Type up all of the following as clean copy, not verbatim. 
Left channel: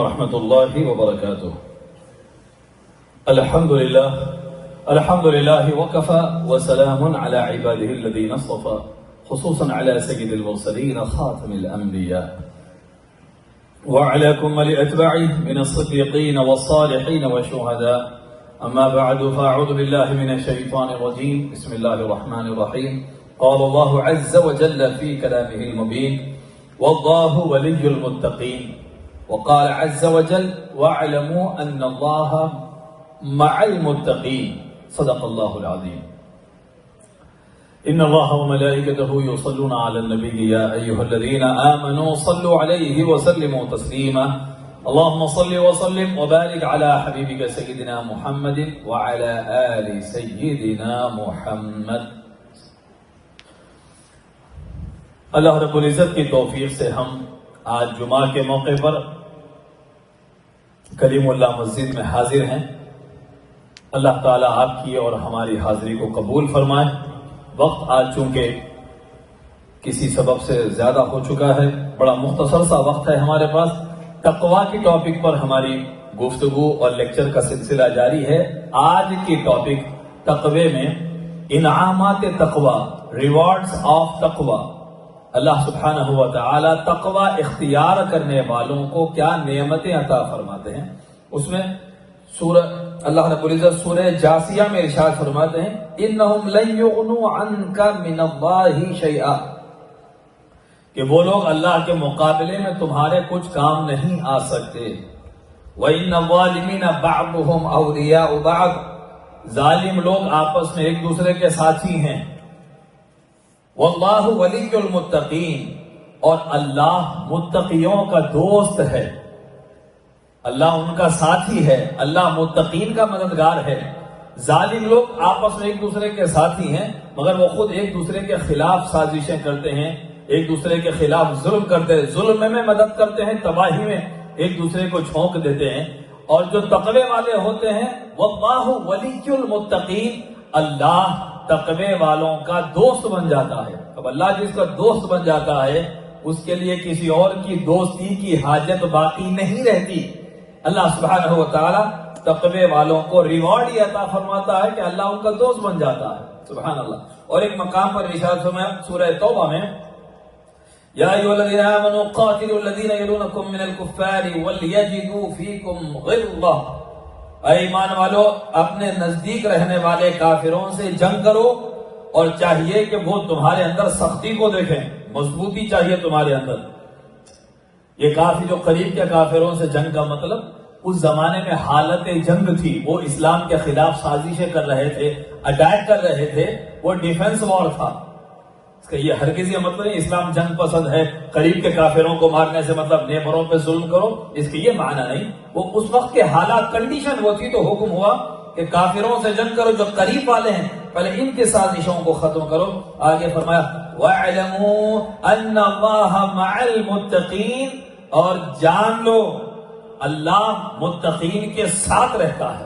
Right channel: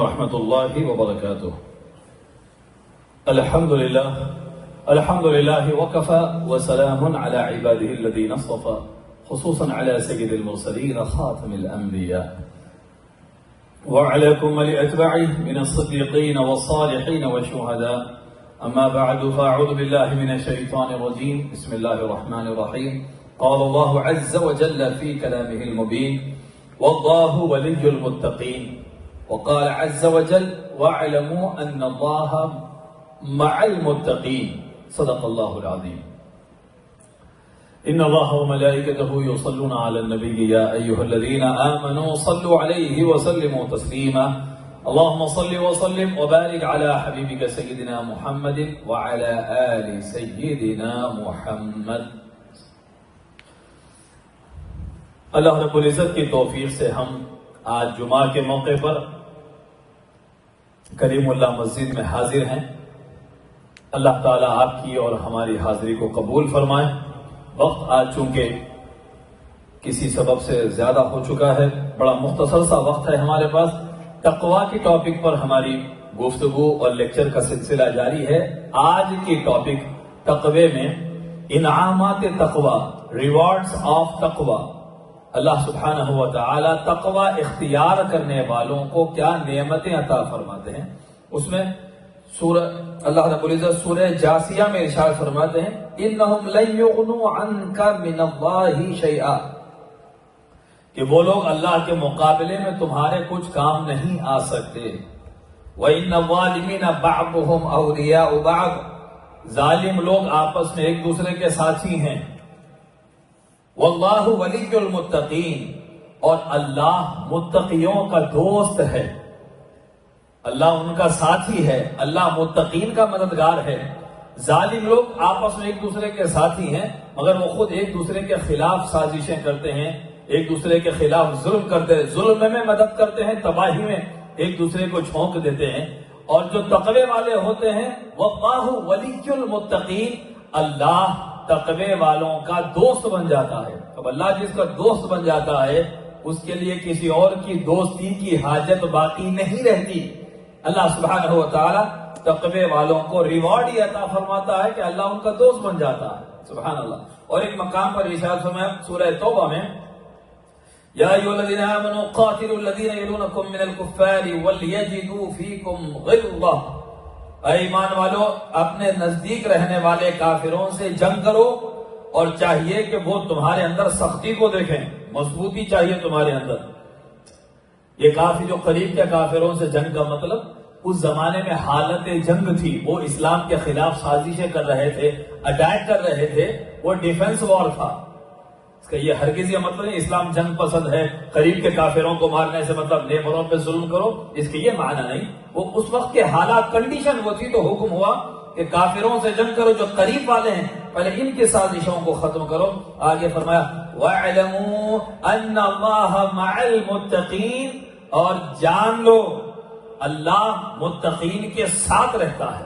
ورحمة الله وبركاته. الحمد لله وكفى وسلام على عباده الذين اصطفى خصوصا على سيد المرسلين خاتم الأنبياء وعلى كمل أتباعه من الصديقين والصالحين والشهداء. أما بعد فأعوذ بالله من الشيطان الرجيم. بسم الله الرحمن الرحيم. قال الله عز وجل في كلامه المبين: والله ولي المتقين. وقال عز وجل: واعلموا أن الله مع المتقين. صدق الله العظيم. إن الله وملائكته يصلون على النبي يا أيها الذين آمنوا صلوا عليه وسلموا تسليما. اللهم صل وسلم وبارك على حبيبك سيدنا محمد وعلى آل سيدنا محمد. اللہ رب العزت کی توفیق سے ہم آج جمعہ کے موقع پر کریم اللہ مسجد میں حاضر ہیں. اللہ تعالیٰ آپ کی اور ہماری حاضری کو قبول فرمائے. وقت آج چونکہ کسی سبب سے زیادہ ہو چکا ہے، بڑا مختصر سا وقت ہے ہمارے پاس. تقویٰ کی ٹاپک پر ہماری گفتگو اور لیکچر کا سلسلہ جاری ہے. آج کی ٹاپک تقوی میں انعامات تقویٰ، ریوارڈز آف تقویٰ. اللہ سبحانہ و تعالی تقویٰ اختیار کرنے والوں کو کیا نعمتیں عطا فرماتے ہیں. اس میں اللہ رب العزت سورہ جاسیہ میں ارشاد فرماتے ہیں: انہم لن یغنوا عنک من اللہ شیئا، کہ وہ لوگ اللہ کے مقابلے میں تمہارے کچھ کام نہیں آ سکتے. وَإِنَّ الظَّالِمِينَ بَعْضُهُمْ أَوْلِيَاءُ بَعْضٍ، ظالم لوگ آپس میں ایک دوسرے کے ساتھی ہیں. وَاللَّهُ وَلِيُّ الْمُتَّقِينَ، اور اللہ متقیوں کا دوست ہے، اللہ ان کا ساتھی ہے، اللہ متقین کا مددگار ہے. ظالم لوگ آپس میں ایک دوسرے کے ساتھی ہیں مگر وہ خود ایک دوسرے کے خلاف سازشیں کرتے ہیں، ایک دوسرے کے خلاف ظلم کرتے ہیں، ظلم میں مدد کرتے ہیں، تباہی میں ایک دوسرے کو جھونک دیتے ہیں. اور جو تقوی والے ہوتے ہیں واللہ ولی المتقین، اللہ تقوی والوں کا دوست بن جاتا ہے. اب اللہ جس کا دوست بن جاتا ہے اس کے لیے کسی اور کی دوستی کی حاجت باقی نہیں رہتی. اللہ سبحانہ و تعالی تقوی والوں کو ریوارڈ ہی عطا فرماتا ہے کہ اللہ ان کا دوست بن جاتا ہے. سبحان اللہ. اور ایک مقام پر ارشاد فرمایا سورہ توبہ میں: یا ایھا الذین آمنوا قاتلوا الذین یلونکم من الکفار ولیجدوا فیکم غلظہ. اے ایمان والو، اپنے نزدیک رہنے والے کافروں سے جنگ کرو اور چاہیے کہ وہ تمہارے اندر سختی کو دیکھیں، مضبوطی چاہیے تمہارے اندر. یہ کافی جو قریب کے کافروں سے جنگ کا مطلب اس زمانے میں حالت جنگ تھی، وہ اسلام کے خلاف سازشیں کر رہے تھے، اٹیک کر رہے تھے، وہ ڈیفنس وار تھا. اس کا یہ ہرگز یہ مطلب نہیں اسلام جنگ پسند ہے، قریب کے کافروں کو مارنے سے مطلب نیبروں پہ ظلم کرو، اس کے یہ معنی نہیں. وہ اس وقت کے حالات کنڈیشن وہ تھی تو حکم ہوا کہ کافروں سے جنگ کرو جو قریب والے ہیں، پہلے ان کے سازشوں کو ختم کرو. آگے فرمایا: وَاعْلَمُوا أَنَّ اللَّهَ مَعَ الْمُتَّقِينَ، اور جان لو اللہ متقین کے ساتھ رہتا ہے.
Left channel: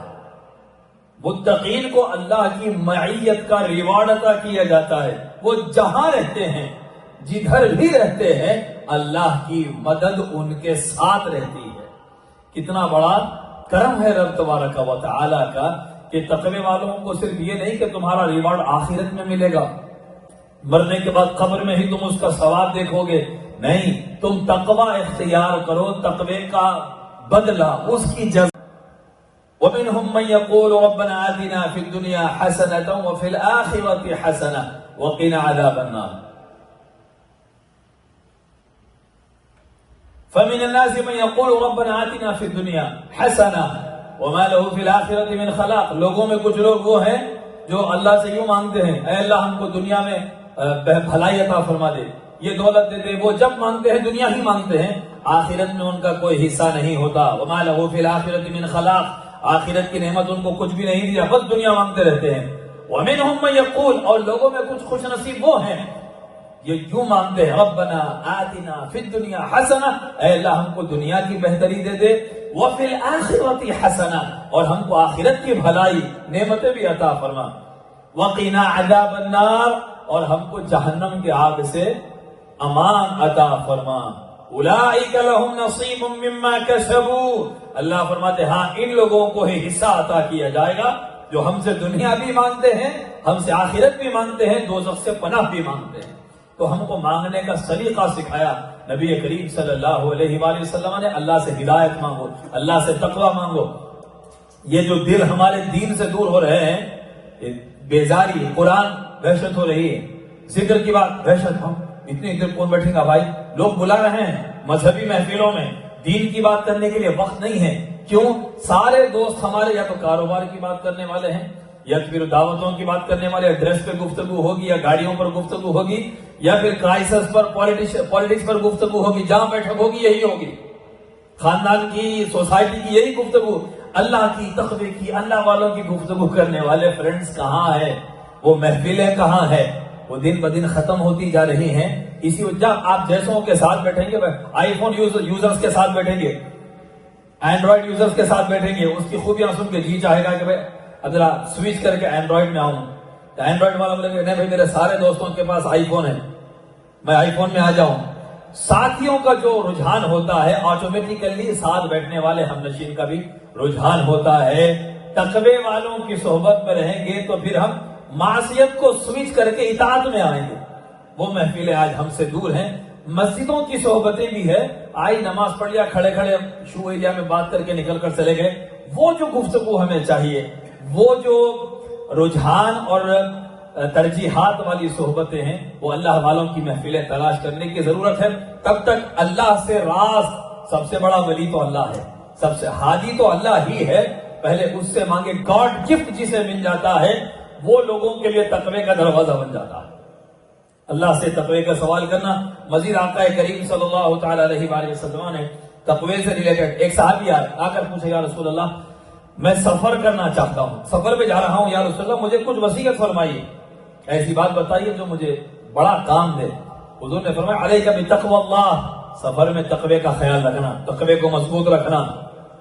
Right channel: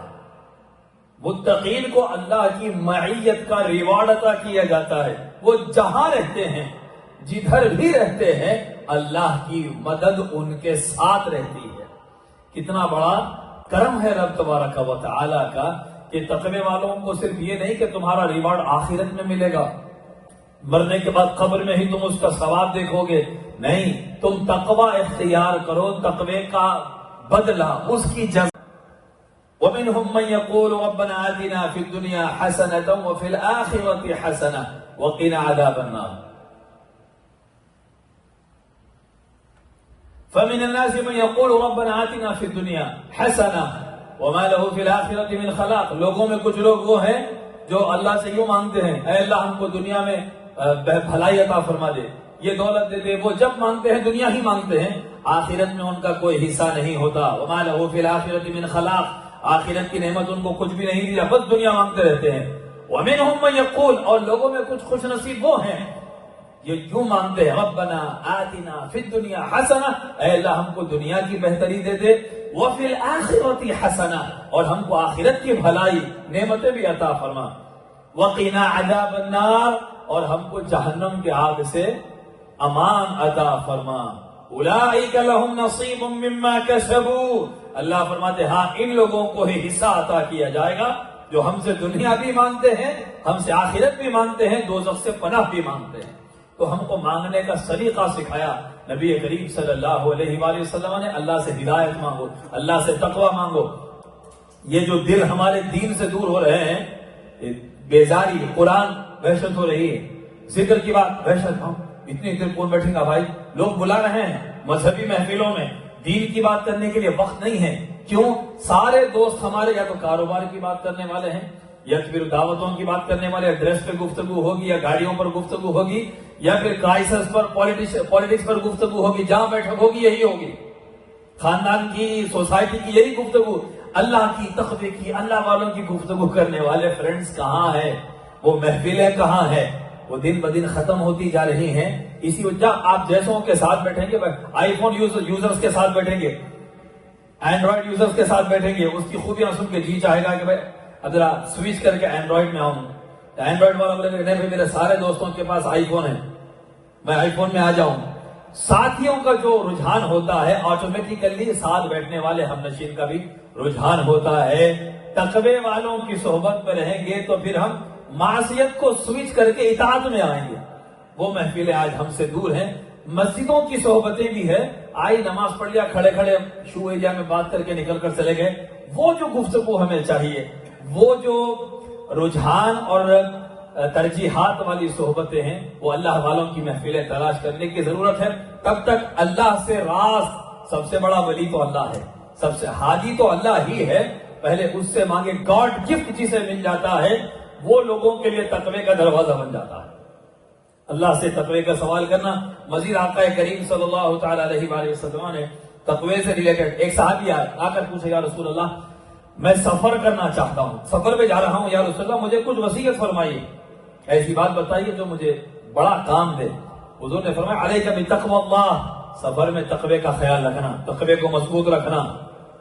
متقین کو اللہ کی معیت کا ریوارڈ عطا کیا جاتا ہے. وہ جہاں رہتے ہیں، جدھر بھی رہتے ہیں، اللہ کی مدد ان کے ساتھ رہتی ہے. کتنا بڑا کرم ہے رب تبارک و تعالی کا کہ تقوی والوں کو صرف یہ نہیں کہ تمہارا ریوارڈ آخرت میں ملے گا، مرنے کے بعد قبر میں ہی تم اس کا ثواب دیکھو گے، نہیں، تم تقوی اختیار کرو، تقوی کا بدلہ، اس کی جزا. وَمِنْهُمْ مَنْ يَقُولُ رَبَّنَا آتِنَا فِي الدُّنْيَا حَسَنَةً وَفِي الْآخِرَةِ حَسَنَةً وَقِنَا عَذَابَ النَّارِ. فَمِنَ النَّاسِ مَنْ يَقُولُ رَبَّنَا آتِنَا فِي الدُّنْيَا حَسَنَةً وَمَا لَهُ فِي الْآخِرَةِ مِنْ خَلَاقٍ. لوگوں میں کچھ لوگ وہ ہیں جو اللہ سے یوں مانگتے ہیں: اے اللہ ہم کو دنیا میں بھلائی عطا فرما دے، یہ دولت دے دے. وہ جب مانگتے ہیں دنیا ہی مانگتے ہیں، آخرت میں ان کا کوئی حصہ نہیں ہوتا. وَمَا لَهُ فِي الْآخِرَةِ مِنْ خَلَاقٍ، آخرت کی نعمت ان کو کچھ بھی نہیں دیا، بس دنیا مانگتے رہتے ہیں. وَمِنْهُمْ مَنْ يَقُولُ، اور لوگوں میں کچھ خوش نصیب وہ ہیں یہ کیوں مانگتے ہیں: رَبَّنَا آتِنَا فِي الدُّنْيَا حَسَنَةً، اے اللہ ہم کو دنیا کی بہتری دے دے. وَفِي الْآخِرَةِ حَسَنَةً، اور ہم کو آخرت کی بھلائی نعمتیں بھی عطا فرما. وَقِنَا عَذَابَ النَّارِ، اور ہم کو جہنم کے آگ سے امان عطا فرما. اولئک لہم نصیب مما کسبوا، اللہ فرماتے ہاں ان لوگوں کو ہی حصہ عطا کیا جائے گا جو ہم سے دنیا بھی مانتے ہیں، ہم سے آخرت بھی مانتے ہیں، دوزخ سے پناہ بھی مانگتے ہیں۔ تو ہم کو مانگنے کا سلیقہ سکھایا نبی کریم صلی اللہ علیہ وآلہ وسلم نے، اللہ سے ہدایت مانگو، اللہ سے تقوی مانگو۔ یہ جو دل ہمارے دین سے دور ہو رہے ہیں، بیزاری، قرآن وحشت ہو رہی ہے، ذکر کی بات وحشت ہو، اتنی دیر کون بیٹھے گا بھائی؟ لوگ بلا رہے ہیں مذہبی محفلوں میں، دین کی بات کرنے کے لیے وقت نہیں ہے۔ کیوں؟ سارے دوست ہمارے یا تو کاروبار کی بات کرنے والے ہیں، یا پھر دعوتوں کی بات کرنے والے، ڈریس پہ گفتگو ہوگی، یا گاڑیوں پر گفتگو ہوگی، یا پھر کرائسس پر، پالیٹکس پر گفتگو ہوگی، جہاں بیٹھک ہوگی یہی ہوگی، خاندان کی، سوسائٹی کی یہی گفتگو۔ اللہ کی، تقوی کی، اللہ والوں کی گفتگو کرنے والے فرینڈز کہاں ہیں؟ وہ محفلیں کہاں ہیں؟ وہ دن بدن ختم ہوتی جا رہی ہیں۔ اسی وجہ آپ جیسوں کے ساتھ بیٹھیں گے، آئی فون یوزرز کے ساتھ بیٹھیں گے، اینڈرائڈ یوزرز کے ساتھ بیٹھیں گے، اس کی خوبیاں سن کے جی چاہے گا کہ بھائی اگر سوئچ کر کے اینڈرائڈ میں آؤں، اینڈرائڈ میں میرے سارے دوستوں کے پاس آئی فون ہے، میں آئی فون میں آ جاؤں۔ ساتھیوں کا جو رجحان ہوتا ہے آٹومیٹیکلی ساتھ بیٹھنے والے ہم نشین کا بھی رجحان ہوتا ہے۔ تقوی والوں کی صحبت میں رہیں گے تو پھر ہم معصیت کو سوئچ کر کے اطاعت میں آئیں گے۔ وہ محفلیں آج ہم سے دور ہیں۔ مسجدوں کی صحبتیں بھی ہے، آئی نماز پڑھ لیا، کھڑے کھڑے شو ایریا میں بات کر کے نکل کر چلے گئے۔ وہ جو گفتگو ہمیں چاہیے، وہ جو رجحان اور ترجیحات والی صحبتیں ہیں، وہ اللہ والوں کی محفلیں تلاش کرنے کی ضرورت ہے۔ تب تک اللہ سے راز، سب سے بڑا ولی تو اللہ ہے، سب سے ہادی تو اللہ ہی ہے، پہلے اس سے مانگے۔ گاڈ گفٹ جسے مل جاتا ہے وہ لوگوں کے لیے تقوی کا دروازہ بن جاتا ہے۔ اللہ سے تقوی کا سوال کرنا۔ مزید آقا کریم صلی اللہ تعالی علیہ وآلہ وسلم نے تقوی سے ریلیٹڈ ایک صحابی آ کر پوچھے، یا رسول اللہ میں سفر کرنا چاہتا ہوں، سفر پہ جا رہا ہوں، یا رسول اللہ مجھے کچھ وصیت فرمائیے، ایسی بات بتائیے جو مجھے بڑا کام دے۔ حضور نے فرمایا علیک بتقوی اللہ، سفر میں تقوی کا خیال رکھنا، تقوی کو مضبوط رکھنا،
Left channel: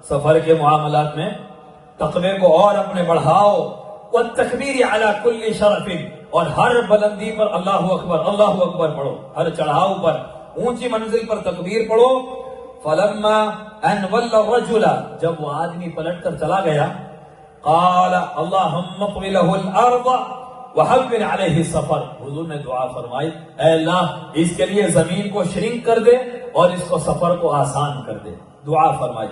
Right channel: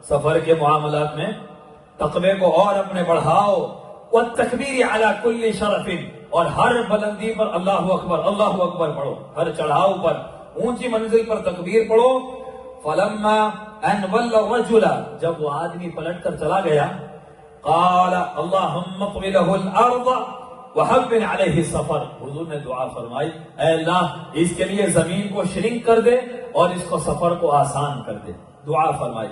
سفر کے معاملات میں تقوی کو اور اپنے بڑھاؤ۔ والتکبیر علی کل شرف، اور ہر بلندی پر اللہ اکبر پڑھو، ہر چڑھاؤ پر، اونچی منزل پر تکبیر پڑھو۔ فلما ان ولى الرجل، جب وہ آدمی پلٹ کر چلا گیا، قال اللهم اطوي له الارض وحول عليه السفر، حضور نے دعا فرمائی اے اللہ اس کے لیے زمین کو شرنک کر دے اور اس کو سفر کو آسان کر دے، دعا فرمائی۔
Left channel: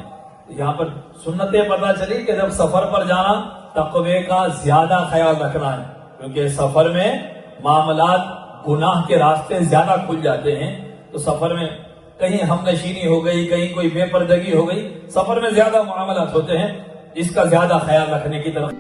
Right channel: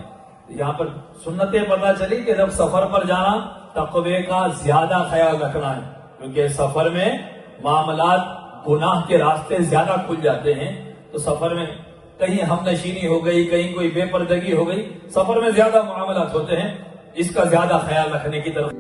یہاں پر سنتیں پتہ چلی کہ جب سفر پر جانا تقوی کا زیادہ خیال رکھنا ہے، کیونکہ سفر میں معاملات گناہ کے راستے زیادہ کھل جاتے ہیں، تو سفر میں کہیں ہم نشینی ہو گئی، کہیں کوئی بے پردگی ہو گئی، سفر میں زیادہ معاملات ہوتے ہیں، اس کا زیادہ خیال رکھنے کی طرف۔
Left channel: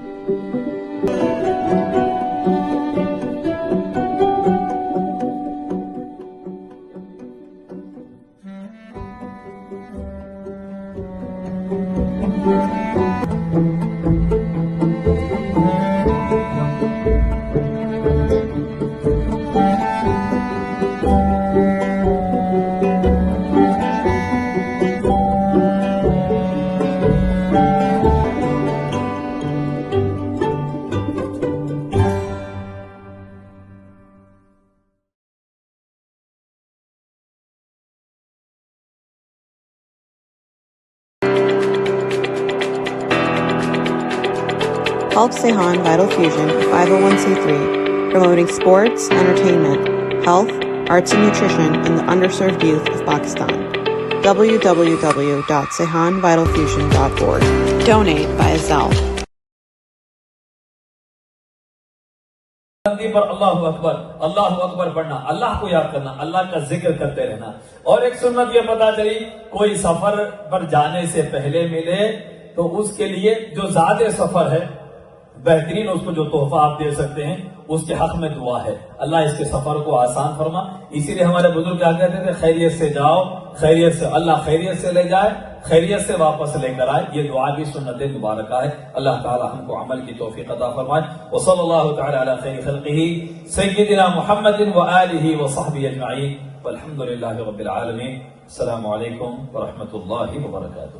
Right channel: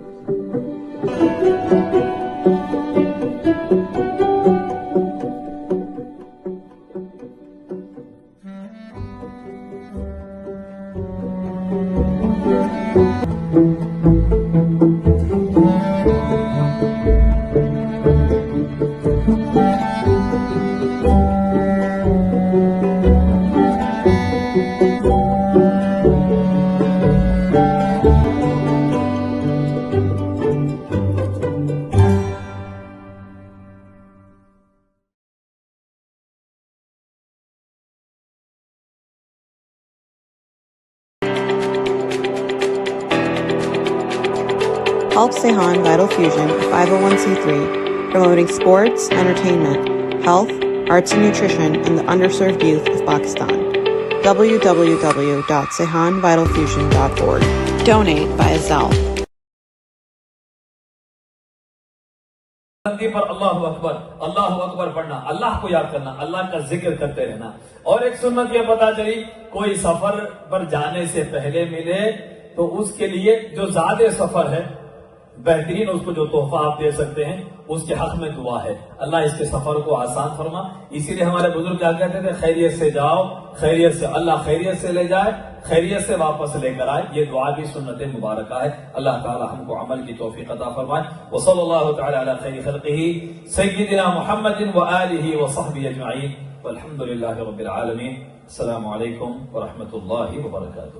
Help Sehan Vital Fusion, a 501c3, promoting sports, entertainment, health, arts and nutrition in the underserved youth of Pakistan. www.sehanvitalfusion.org. Donate via Zelle. پر اللہ اکبر پڑھنا، اللہ کو یاد کرنا، اللہ کا ذکر کرتے رہنا۔ اور ایک سنت یہ پتا چلی، کوئی سفر پر جانے سے پہلے ملے تو اس کے لیے جو زیادہ سفر ہے، بہترین اس کو جو تحفہ آپ دے سکتے ہیں اس کے حق میں دعا ہے، اللہ اس کے سفر کو آسان فرما۔ اسی لیے ہمارے بزرگ کیا کہتے تھے، خیریت سے جاؤ، خیریت سے، اللہ خیریت سے لے جائے، خیریت سے واپس لے کر آئے۔ یہ دعا بھی سنت مبارکہ ہے۔ اللہ تعالی ہم کو عمل کی توفیق عطا فرمائے۔ وصلی اللہ تعالی علی خیر خلقہ سیدنا محمد وآلہ وصحبہ اجمعین، والحمد للہ رب العالمین۔ السلام علیکم ورحمۃ اللہ وبرکاتہ۔